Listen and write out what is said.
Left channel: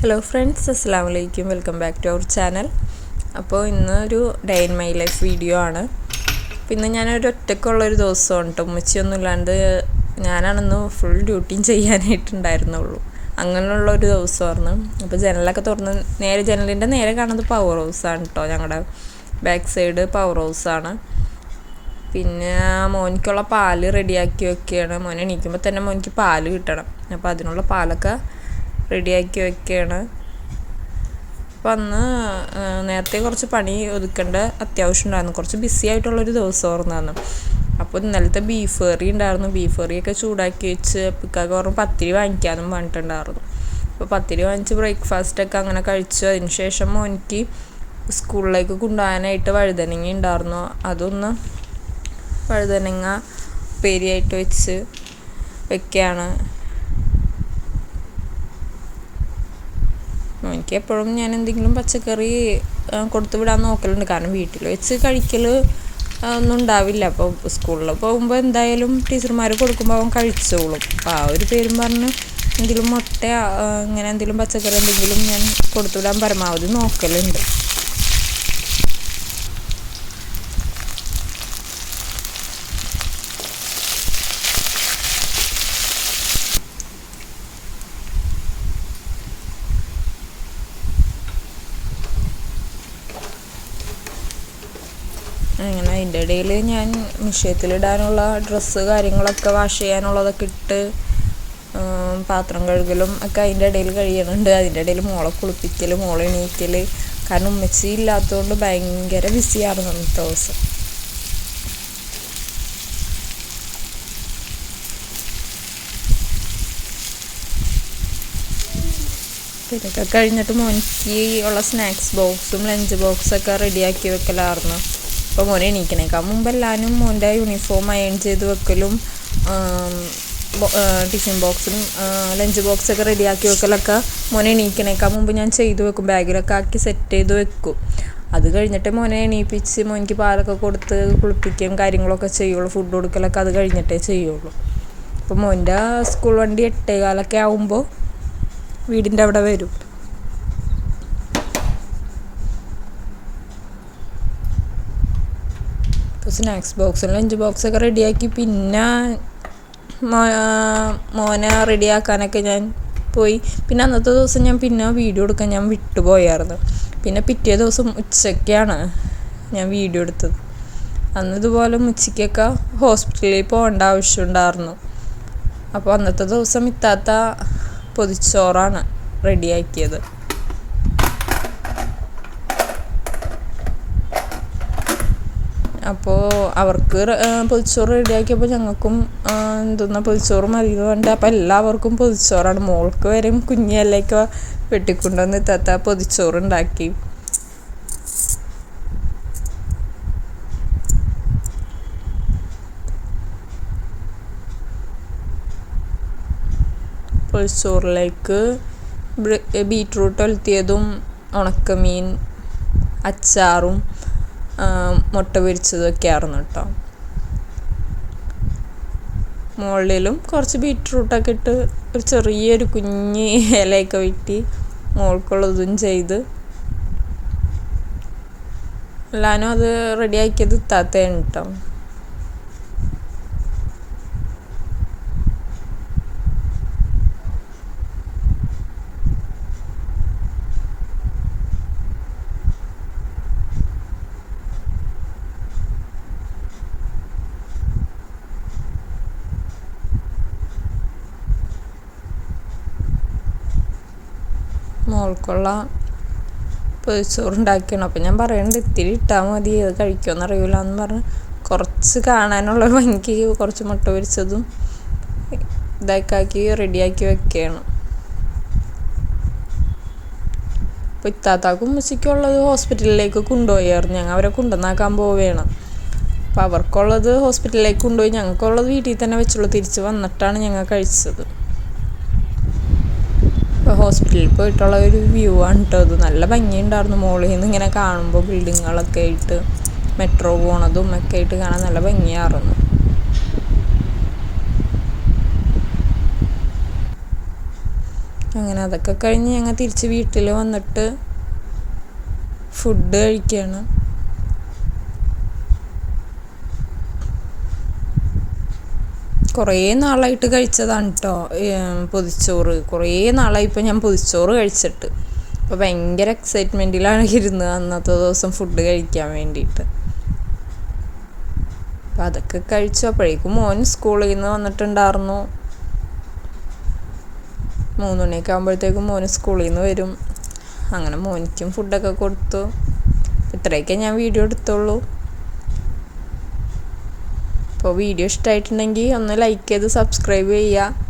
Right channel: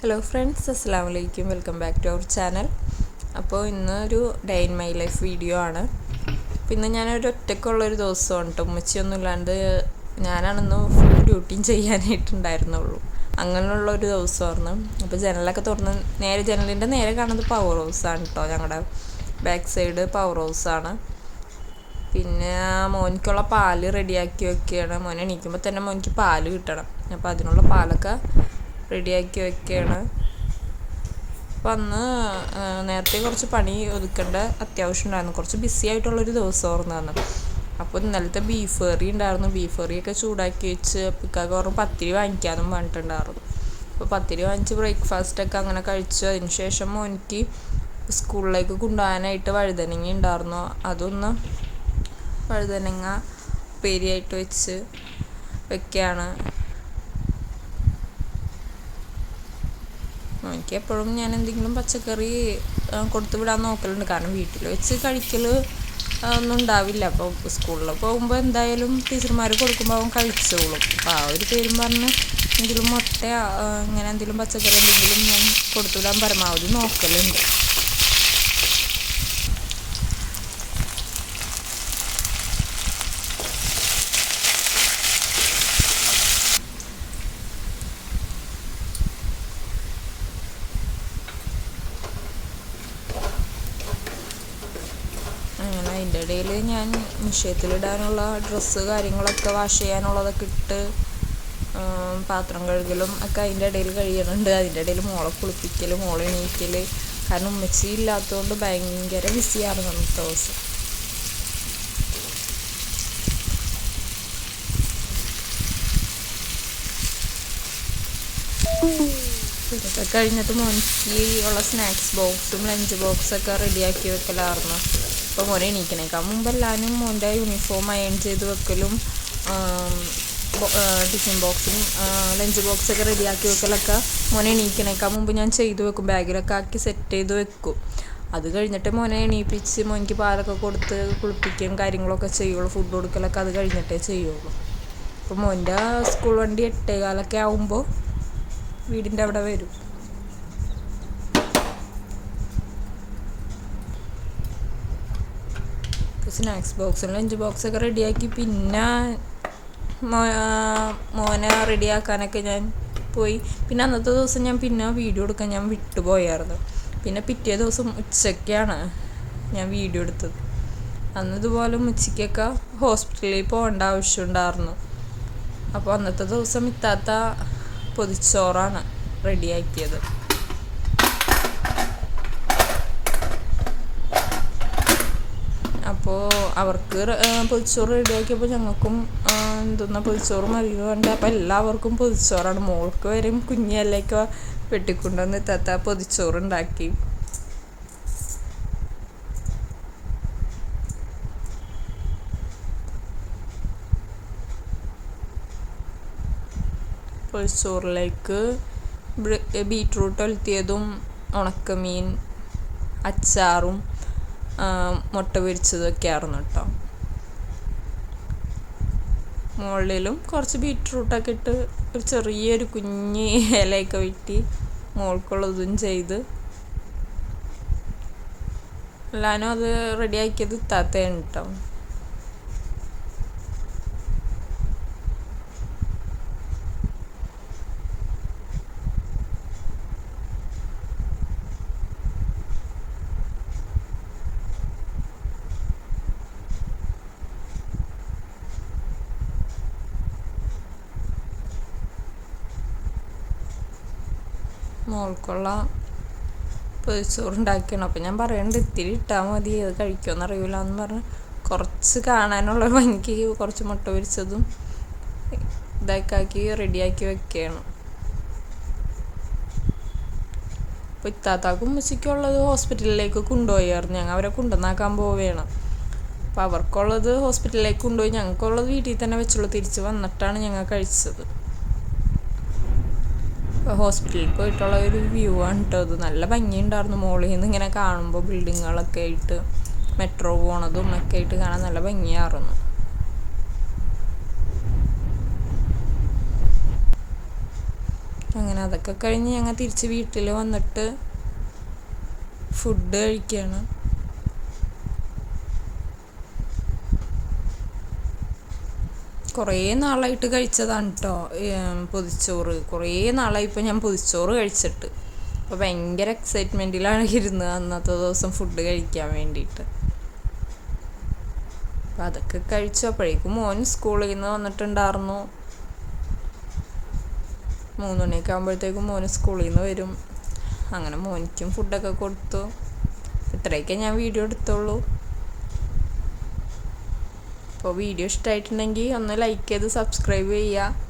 Hello friends, അസ്സലാമു അലൈക്കും. Welcome back to our channel. അപ്പോൾ ഇന്നൊരു day in my life video ആണ്. പിന്നെ ഞാനൊരു ഒറ്റയ്ക്കുള്ളൊരു ദിവസമാണ് കേട്ടോ. ഉമ്മച്ചിയൊന്നും ഇല്ലാണ്ട് ഞാനാണെന്ന് ഫുൾ ഡ്യൂട്ടിയും ചെയ്യാനായിട്ടുണ്ടായിരുന്നുള്ളൂ. അങ്ങനെയുള്ളൊരു ദിവസമായിരുന്നു. അപ്പോൾ ജനലൊക്കെ തുറന്ന് ജനലിൻ്റെ നേരെ കാണുന്നത് പവർ ഹൗസാണ് കേട്ടോ. ഞങ്ങളുടെ ബാക്ക് സൈഡ് പവർ ഹൗസാണ്. പിന്നെ മോനിക്കുള്ള പാല് റെഡിയാക്കി വെക്കുകയാണ്. മോൻ എണീക്കുമ്പോൾ തന്നെ മോനിക്ക് പാല് കിട്ടണം. അപ്പോൾ അതിനുള്ള പാലൊക്കെ റെഡിയാക്കി വെക്കുകയാണ്. അപ്പം അന്ന് നേരത്തെ കുറച്ച് പണി ഒതുക്കേണ്ട അത്യാവശ്യം ഉണ്ടായിരുന്നു. കുറച്ച് ബിസി ആയിട്ടുള്ളൊരു ദിവസമായിരുന്നു അന്ന്. അപ്പോൾ ഇന്നലത്തെ ബീഫ് കറി ഉണ്ടായിരുന്നു. ബീഫ് കറിയൊക്കെ ചൂടാക്കി വെച്ച് പിക്കാക്ക് പറഞ്ഞ് പത്തിരി വാങ്ങിക്കാനും പറഞ്ഞിട്ടുണ്ടായിരുന്നു. അപ്പോൾ പത്തിരി വാങ്ങിച്ച് ബ്രേക്ക്ഫാസ്റ്റൊക്കെ അങ്ങനെ കഴിച്ചു. അതിന് ശേഷം മോനിക്ക് സ്കൂളിലേക്ക് കൊണ്ടുപോകാനായിട്ട് വഴുതനങ്ങ ഉണ്ടായിരുന്നു. അതൊന്ന് വഴുതനങ്ങ ഉപ്പേരിയായിട്ട് വെച്ച് വെക്കുകയാണ്. എനിക്ക് എപ്പോഴും ഞാൻ എന്തെങ്കിലും പച്ചക്കറി കൊടുത്തു വിടാൻ നോക്കലുണ്ട്. കാരണം വീട്ടിൽ വെച്ച് കഴിക്കൽ ഒന്നും ഉണ്ടാവില്ല. അപ്പോൾ സ്കൂളിൽ പോകുമ്പോൾ എന്തായാലും ടീച്ചർമാർ കൊടുക്കുമ്പോൾ അവൻ കഴിച്ചോളും. അപ്പോൾ ആ ഒരു പേരും പറഞ്ഞ് എന്തെങ്കിലും മുട്ട ഇങ്ങനെ എന്തെങ്കിലും പച്ചക്കറി എന്തെങ്കിലും ഞാൻ കൊടുത്തു വിടാൻ പരമാവധി നോക്കലുണ്ട്. അങ്ങനെ അതിൻ്റെ ഇടയിൽ ഞാൻ മിഷ്യത്തിലിടാനുള്ള ഡ്രസ്സ് കാര്യങ്ങളൊക്കെ വാഷ് ചെയ്യാനുള്ളതൊക്കെ ഇട്ട് പാത്രം കഴുകലും ഒക്കെ അതിൻ്റെ ഇടയിൽ കഴിയുന്നുണ്ട്. അതിൻ്റെ ഇടയിൽ മോളെ കുളിപ്പിക്കൽ, മോളെ എണീക്കൽ. കാരണം ഉമ്മച്ചി ഇല്ലാത്തതുകൊണ്ട് ഭയങ്കര ബിസിയായിരുന്നു അന്നത്തെ ദിവസം. ഇതൊക്കെ കഴിഞ്ഞിട്ട് മോനിക്ക് ഉള്ള സ്നാക്സ് ബോക്സും ലഞ്ച് ബോക്സൊക്കെ റെഡിയാക്കി വെക്കലായിരുന്നു. അപ്പോൾ മോനെ എണീക്കണേക്കാൾ മുമ്പ് എല്ലാവരും മോൻ്റെ യൂണിഫോം അയൺ ചെയ്ത് വെക്കലും ടിഫിൻ ബോക്സും ലഞ്ച് ബോക്സൊക്കെ റെഡിയാക്കി വെക്കലൊക്കെ മോനെ എണീക്കണേക്കാൾ മുമ്പ് ഞാൻ ചെയ്ത് വെക്കും. ബാഗിലൊക്കെ ആക്കി സെറ്റ് ചെയ്ത് വെക്കും. അത് കഴിഞ്ഞിട്ട് മോനെ എണീപ്പിച്ച് മോനിക്ക് പാലൊക്കെ കൊടുത്ത് കുളിപ്പിക്കുകയും കാര്യങ്ങളൊക്കെ ചെയ്യുള്ളൂ. ഫുഡ് കൊടുക്കലൊക്കെ അത് കഴിഞ്ഞിട്ടേ ചെയ്യുള്ളൂ. അപ്പോൾ മോൻ്റെ സ്കൂൾ വണ്ടി 8:15 ആകുമ്പോൾ വീടിൻ്റെ അവിടെ വരും. സ്നാക്സ് ബോക്സും ലഞ്ച് ബോക്സൊക്കെ റെഡിയാക്കി പിന്നെ മോനെ റെഡിയാക്കാനൊക്കെ ഞാൻ പോയി. പിന്നെ അന്നത്തെ ദിവസം ഞാൻ പിന്നെ വീഡിയോ എടുക്കാൻ ഞാൻ വിട്ടുപോയായിരുന്നു. പിന്നെ പിറ്റേ ദിവസം ഉച്ചയ്ക്കാണ് ഞാൻ വീഡിയോ എടുത്തത്. അന്ന് ഇതുപോലെ ഉച്ചയ്ക്കൊക്കെ ഹോസ്പിറ്റലിൽ പോകേണ്ട ആവശ്യമുണ്ടായിരുന്നു. അപ്പോൾ അന്നത്തെ ദിവസം ഇത്താത്ത പൊതിച്ചോറാണ് റെഡിയാക്കിയത്. അപ്പോൾ അവർക്ക് പൊതിച്ചോറ് റെഡിയാക്കിയപ്പോൾ ഞങ്ങൾക്കും എന്തെന്നാ പൊതിച്ചോറ് മതി പറഞ്ഞിട്ട് അപ്പോൾ എല്ലാവർക്കും പൊതിച്ചോറാണ്. മോൾക്ക് വരെയും കുഞ്ഞിലൊക്കെ വെട്ടിക്കൊണ്ടുവന്ന് ഇത്താത്ത പൊതിച്ചോറുണ്ടാക്കി. പൊതിച്ചോറിലേക്ക് ബീറ്റ്റൂട്ട് ഒലത്തിയതും ഉണക്കമീൻ അച്ചാറും മുട്ട പൊരിച്ചതൊക്കെ ആയിരുന്നു കേട്ടോ. മുകളിലും കുറച്ച് ബീറ്റ്റൂട്ടൊക്കെ ഇട്ട് ഒരു ചെറിയൊരു കുഞ്ഞ് ഇലയൊക്കെ വെട്ടി മോൾക്കുള്ളതും ചെയ്ത് എല്ലാവരും അത് റെഡിയാക്കിയത് ഇത്താത്തയാണ് കേട്ടോ. മോൾക്കുള്ള പൊതിച്ചോറുണ്ടാക്കണം. അപ്പം ഞാൻ പറയുന്നുണ്ട് ഇത്തിരി ഇട്ടാൽ മതി, അത് കഴിക്കുമെന്ന് അറിയില്ല എന്ന് പറഞ്ഞ് കുറച്ച് കാണാനുള്ള ഭംഗിക്ക് കുറച്ച് മുട്ട പൊരിച്ചതും ഇതൊക്കെ റെഡിയാക്കി വെക്കുകയാണ്. അപ്പോൾ ഇത്താത്താക്കും ഉമ്മച്ചിക്കുള്ളത് ഹോസ്പിറ്റലിലേക്ക് കൊണ്ടുപോയായിരുന്നു. ഞങ്ങൾ അവരെ കൊണ്ടുവന്നാക്കാൻ പോവുകയാണ്. അപ്പോൾ അവർക്കുള്ളത് ഹോസ്പിറ്റലിലേക്ക് കൊണ്ടുപോയി, ഞങ്ങൾക്കുള്ളത് വീട്ടിൽ തന്നെ വെച്ചുള്ളൂ. തിരിച്ച് വന്നിട്ടാണ് ഞങ്ങൾ കഴിച്ചത്. ഹോസ്പിറ്റലിൽ പോയിട്ടുള്ള ഒരു വ്യൂ ആണ് കേട്ടോ അത്. നല്ല ഭംഗിയുണ്ടായിരുന്നു. മുകളിൽ നിന്ന് ഇങ്ങനെ കാണുമ്പോൾ ബിൽഡിങ്ങുകളൊക്കെ ആയിട്ട് മെട്രോ പോണതും ഒക്കെ ആയിട്ട് കാണാൻ നല്ല ഭംഗിയായിരുന്നു. അങ്ങനെ അതൊക്കെ കഴിഞ്ഞ് ഞങ്ങൾ തിരിച്ച് വീട്ടിൽ വന്നിട്ട് ഫുഡ് കഴിക്കുകയാണ്. കുറേ നാളായിട്ട് കഴിച്ചതാണ് കേട്ടോ പൊതിച്ചോറ്. കുറേ നാളായി ഇപ്പം ഞാൻ പൊതിച്ചോറ് കഴിച്ചിട്ട്. അപ്പോൾ ഭയങ്കര എക്സൈറ്റ്മെൻറ്റിലാണ് ഇരുന്നത് അന്നത്തെ ദിവസം ഫുഡ് കഴിക്കാൻ വേണ്ടിയിട്ട്. അപ്പം അതൊക്കെ കഴിച്ചു. അപ്പോഴേക്കും മോൻ സ്കൂളിൽ നിന്ന് വന്നിട്ടുണ്ടായിരുന്നു. 3 മണിയൊക്കെ ആകുമ്പോഴത്തേക്കും മോന് സ്കൂളിൽ നിന്ന് വരും. അങ്ങനെ മോനിക്കും ഫുഡൊക്കെ കൊടുത്തു. ഇത്രയൊക്കെ ഞാൻ വീഡിയോ എടുത്തുള്ളൂ. അപ്പോൾ വീഡിയോ ഇഷ്ടമായിട്ടുണ്ടെങ്കിൽ ഒന്ന് ലൈക്ക് ചെയ്ത് സബ്സ്ക്രൈബ് ചെയ്യുക.